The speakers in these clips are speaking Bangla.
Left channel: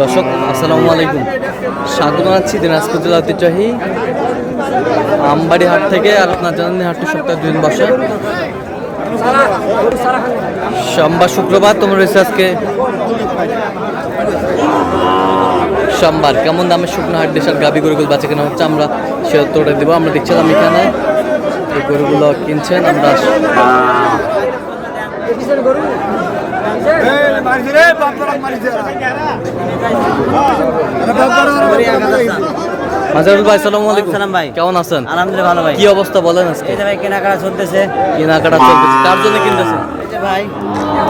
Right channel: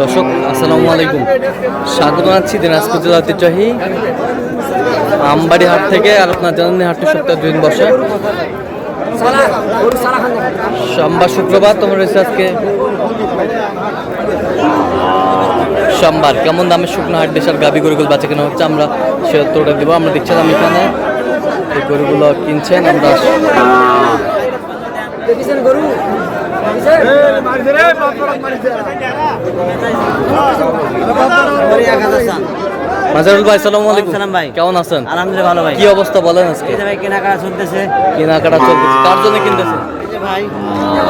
দর্শক আসসালামু আলাইকুম, স্বাগত জানাচ্ছি দিনাজপুর জেলা ঐতিহ্যবাহী আমবাড়ি হাট থেকে। আর আপনার জানেন হাটটি সপ্তাহে 2 দিন বসে, সোমবার শুক্রবার। তোমার রয়েছে আজকে সোমবার। কেমন দামে শুকনো হাট দেশের গাভী গরুগুলো বাঁচা কেনা হচ্ছে আমরা সে উত্তরটা দেবো। আমরা দেখছিলাম এখানে এই গরুগুলো কিনছেন, আমরা মাজারুল ভাই সালামু আলাইকুম। সালাম ভাই, কেমন আছেন? আলহামদুলিল্লাহ ভালো ভাই। কি অবস্থা বলেন আজকে? ভাই কেনাকাটা চলতেছে। কার জন্য কিনতেছেন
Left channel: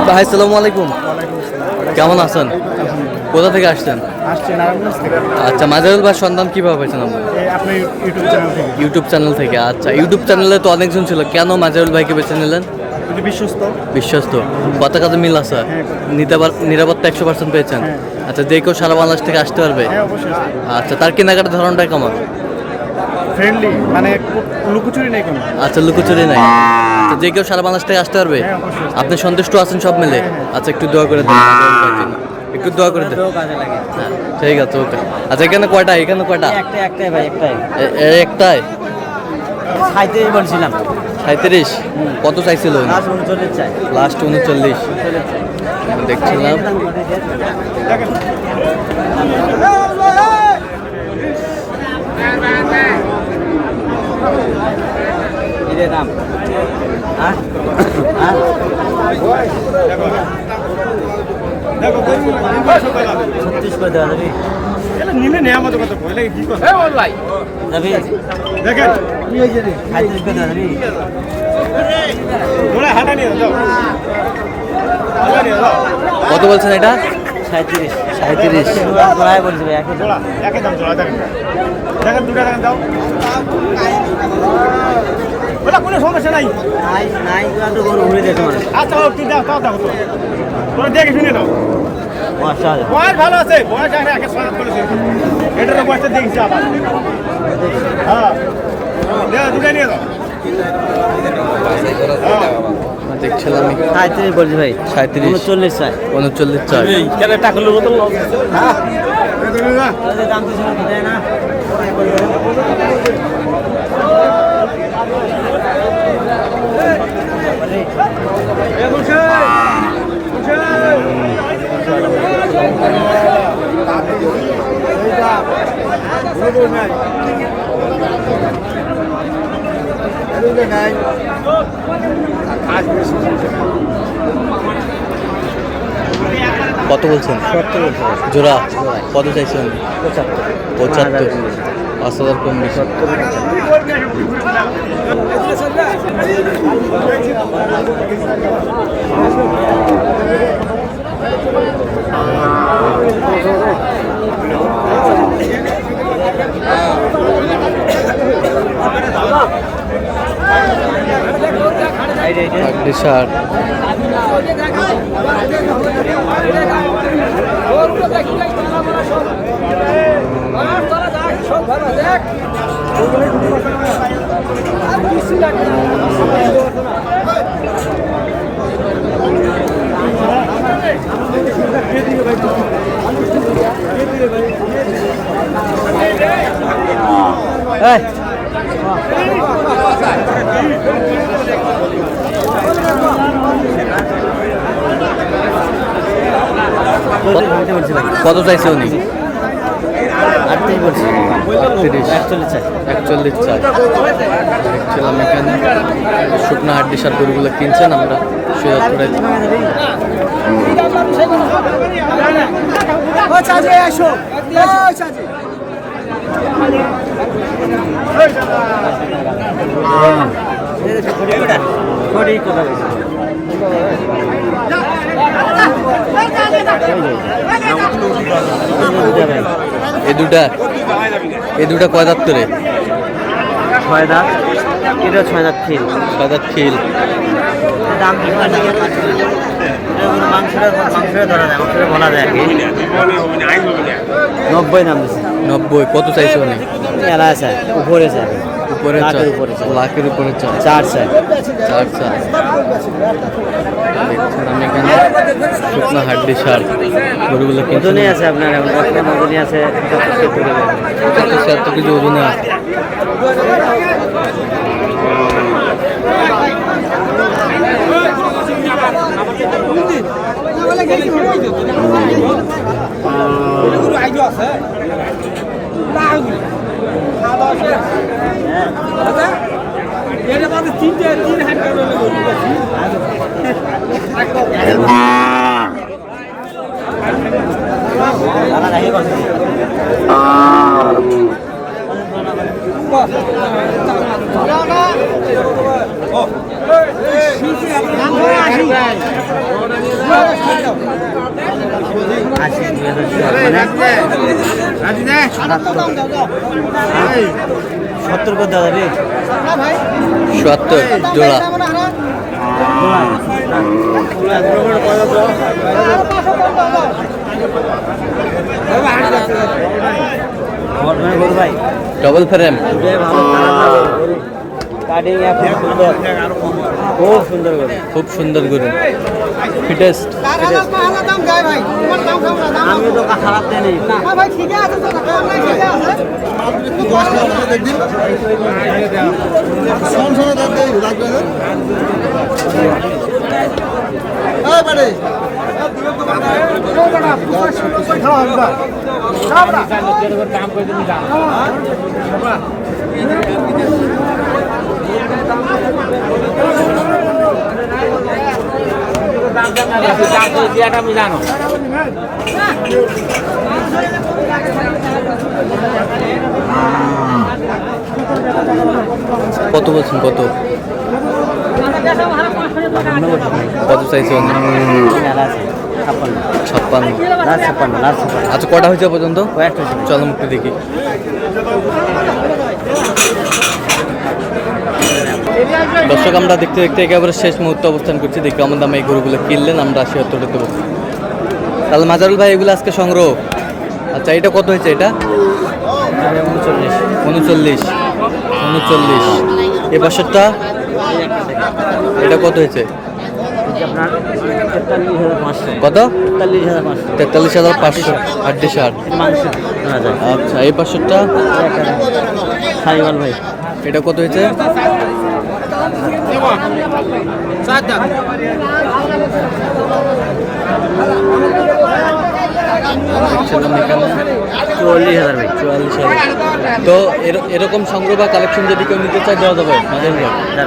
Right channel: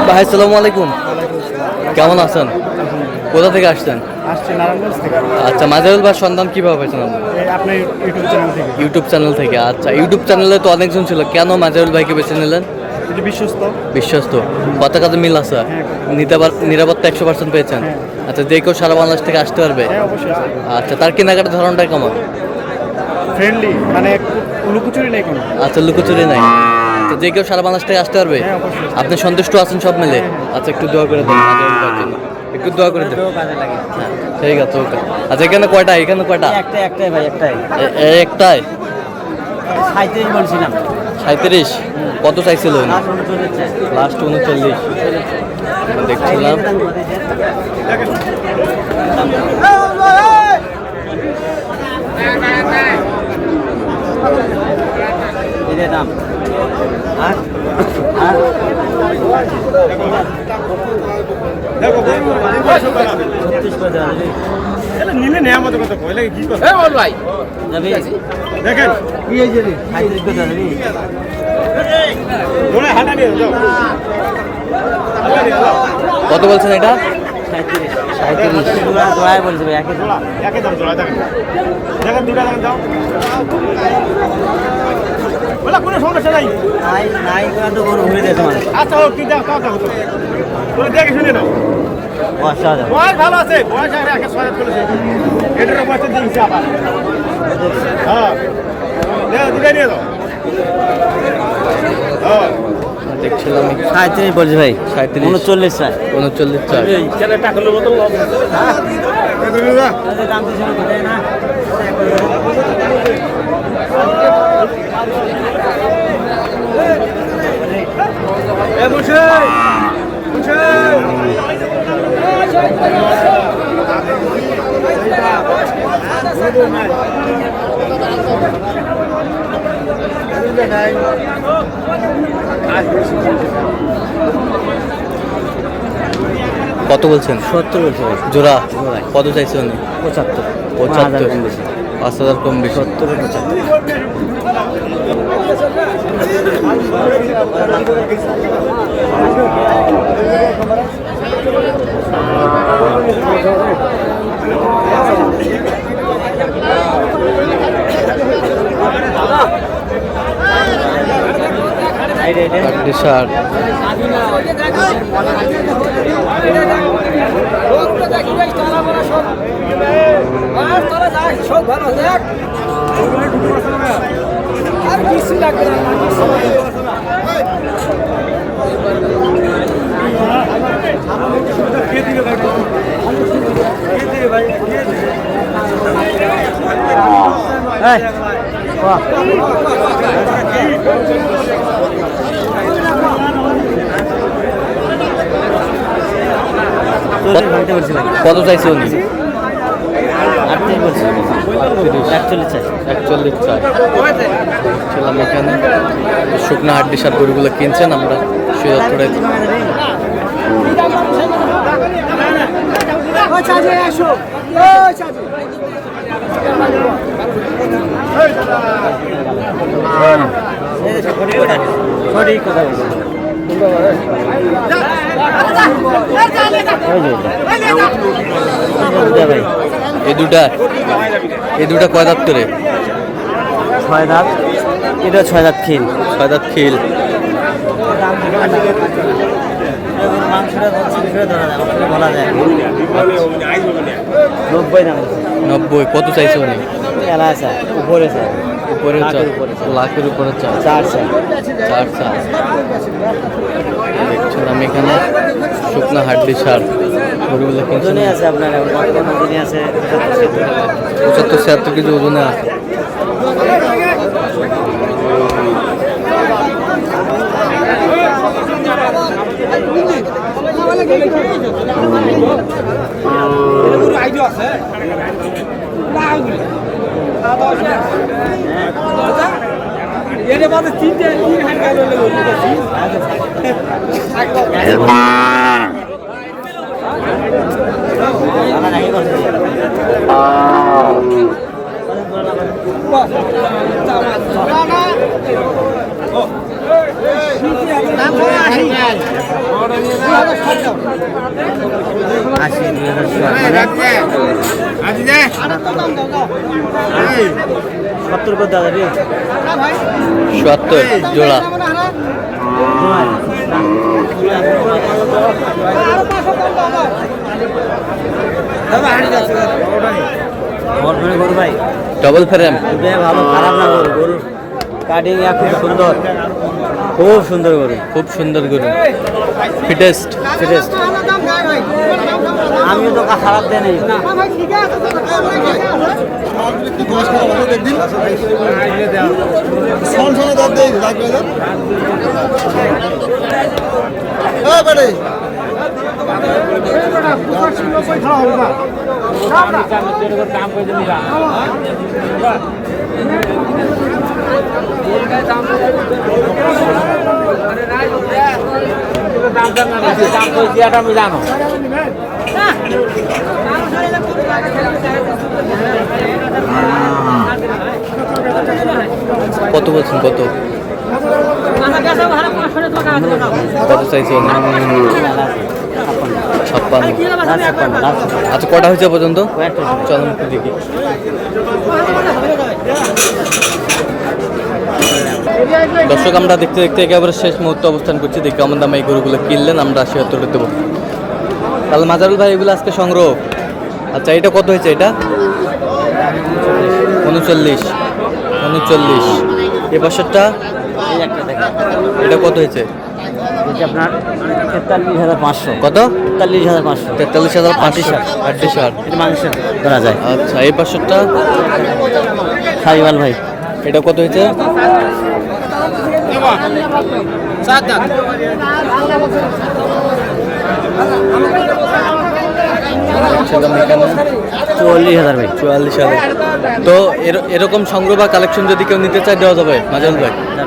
ভাই? সালামু আলাইকুম। কেমন আছেন? কোথা থেকে আসছেন? আচ্ছা, মাজারুল ভাই সন্ধান কিভাবে পেয়েছেন আপনি? আপনার ইউটিউব চ্যানেল থেকে। আচ্ছা, ইউটিউব চ্যানেলে তো অনেকজন ছিল, কেন মাজারুল ভাইকে বেছে নিলেন? বিশ্বস্ত পতাকাতে মিল আছে, নিরাপত্তা 100% পেয়েছেন। আচ্ছা, যে কেউ সারা বাংলাদেশ থেকে আসতে পারবে? আচ্ছা, তার কেনাকাটার ধরনটা কেমন? ফ্রেন্ডলি, মানে লুকোচুরি নেই কোনো। আচ্ছা, লুকোচুরি নাই। আচ্ছা, যে কেউ সারা বাংলাদেশ থেকে আসতে পারবে? আপনি সন্তুষ্ট আছেন সব মিলে? আচ্ছা, একটু দোয়া করে দেন, একটু দোয়া করে দেন। হ্যাঁ, ঠিক আছে, ওকে। আচ্ছা, এখানে কয়টা? একটাই ভাই, একটাই। একটাই 37 বলছিলাম। 37? কত চাইছিল? লাস্ট 39 দেখছিলাম। দাম নিলে নেই আমাদের কথা কই লাগে কি কথা ভাই দেখেন হাঁটা নিয়ে যাও। কত বলছেন এটা? 37 জোড়ায় বলছি ভাই, একই দাম জোড়া দেখেন দেখেন, দুটা দেখেন দাও। ওটা কোনো সমস্যা নাই নাই তো কোনো ভুলে দেখো। আচ্ছা, ও তুই দাও, তাও তো তোরা দেখে শুনে নাও। বয়স ভালো আছে, বয়স একে সহায়তা করেছে, এটার বয়সটা দেখছি আবার। হ্যাঁ, দুটাই নিয়ে দাও। দেখছিলাম 37 বলছি ভাই। 39 চাই। 39 চাই। কত বলছেন? 70 বলছি ভাই। জোড়া কত চাইছেন? 75। 5000 কম বেশি। শার্ট কত চাইছে উনি? 38 বলছি। 41 চাই। 41 চাই। দেখছিলাম এখানে শুকনো হাড্ডি সার গরুগুলো কিনছেন, আমরা সুযোগ করে এই দুটা কয় দাঁত করে? 6 দাঁত। এটা 6 দাঁত খিল। 6 দাঁত খিল। দাম মাংসটা ধরা যায়, মাংসটা বলা যায় আর কি। 90 নাম দিচ্ছে। 90 কত চাইছে অনেক? এলা আছে উপরে স্যার, উপরে লাখের উপরে চাই। লাখের উপরে চা 4 স্যার। 4 চা দেখছিলাম এখানে শুকনো হাড্ডি সার গরুগুলো কিনছেন ওজনে আছে আপনার, ওজনে আছে 75 কেজি ওজনে আছে। সত্তর করে দাদা রে। 70 জোড়া। গরু ভাই ডবল ফ্রেম কাটিং খুব সুন্দর গরু, খুব সুন্দর গরু ফিটেস্ট। আমি তো খারাপ জানি না। দাম করে দিন আমি জানো। কত বলছেন? কত কত চাইছে অনেক? 56। আচ্ছা কটা হয়েছে পর্যন্ত? চলো মুখে দেখি। দর্শক আমরা দেখতে দেখতে একেবারে শেষ মুহূর্তে অবস্থান করছি। দেখি আমার দামে এই গরুগুলো কিনলেন, আমরা 80 উত্তরে দেবো। তাহলে মাজারুল ভাই এগুলো আজকে সংগ্রহ। আচ্ছা এটা কত হয়েছে? এটা 39। এ বছরটা এটা কত হয়েছে? আপনার 43,500। কত? 43,500। 43,500 হাড্ডি সার মাংস ধরা যায়। আচ্ছা এই পাশেরটা সাইওয়াল ভাই, এটা কত হয়েছে? দেখছিলাম এখানে 44,000 ভাই। 44,000। তো এরকম সংগ্রহ বা কালেকশন যদি কেউ নিতে চায় দেওয়া যাবে মাঝে ভাই?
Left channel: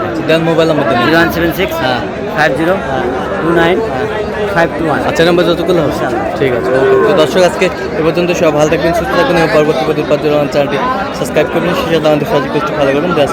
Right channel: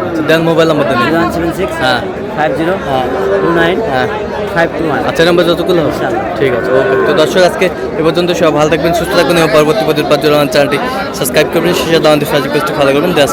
আচ্ছা, দেন মোবাইল নাম্বার দেন। 0176 হ্যাঁ 5029 হ্যাঁ 521। আচ্ছা নাম্বার যতগুলো হবে ইনশাআল্লাহ। ঠিক আছে, ওকে। তো দর্শক আজকে এ পর্যন্ত সব ভালো থাকবেন, সুস্থ থাকবেন এবং পরবর্তী প্রতিদিন চ্যানেলটি সাবস্ক্রাইব করবেন, শেষে আমাদের সাহায্য করতে ফলো করবেন। দেশ